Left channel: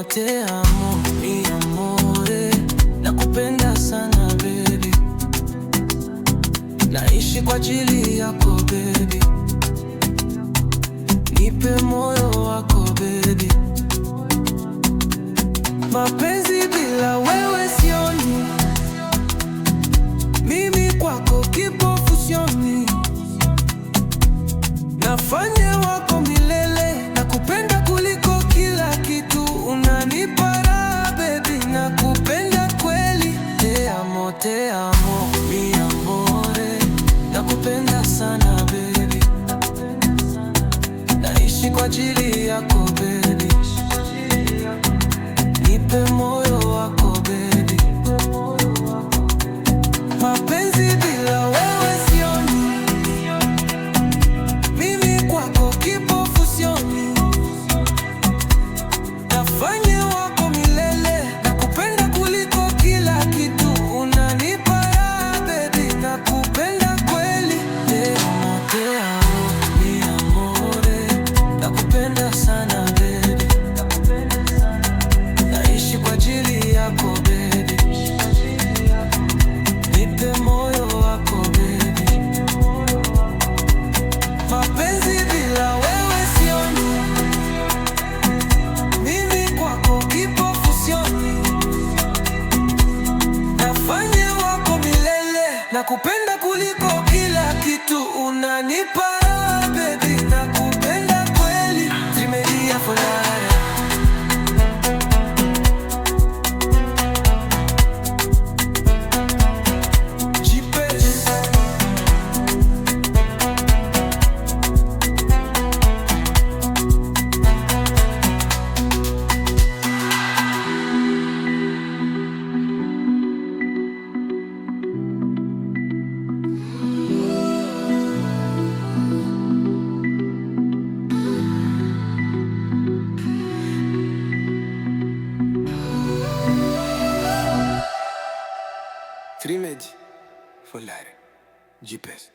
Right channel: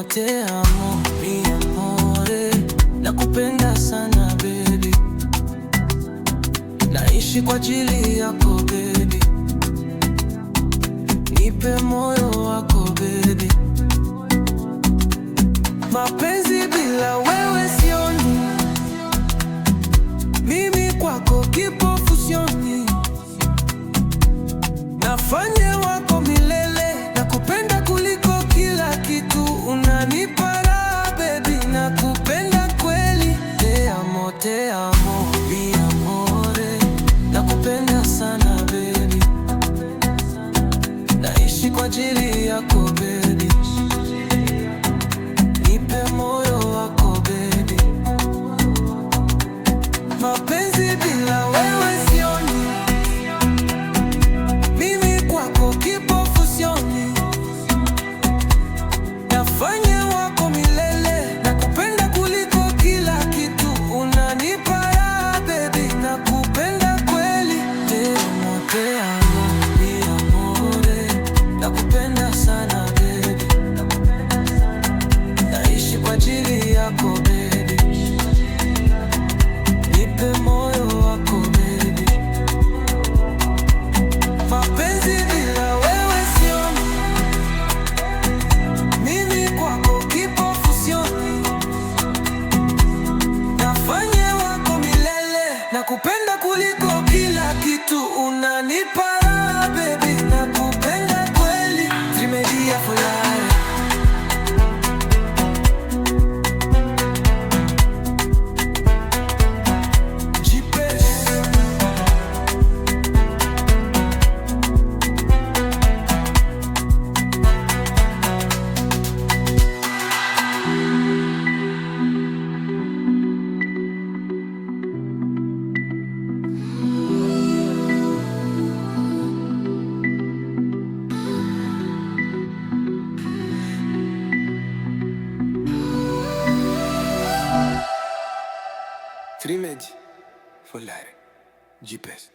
amo, te amo, mi amore. Nakupenda sana baby, naishi kwa ajili yako baby. Nipe moyo wako baby, mapenzi bila wewe sioni. Mimi kwako kipofu sioni, nafanya wako milele. Nakupenda kuliko kila kitu, unanipa raha baby, nakupenda kweli. Te amo, mi amore. Nakupenda sana baby, naishi kwa ajili yako baby. Nipe moyo wako baby, mapenzi bila wewe sioni. Mimi kwako kipofu sioni, nafanya wako milele. Nakupenda kuliko kila kitu, unanipa raha baby, nakupenda kweli. Te amo, mi amore. Nakupenda sana baby, naishi kwa ajili yako baby. Nipe moyo wako baby, mapenzi bila wewe sioni. Mimi kwako kipofu sioni, nafanya wako milele. Nakupenda kuliko kila kitu, unanipa raha baby, nakupenda kweli. Trimedia Folare. Trimedia Folare. GPS.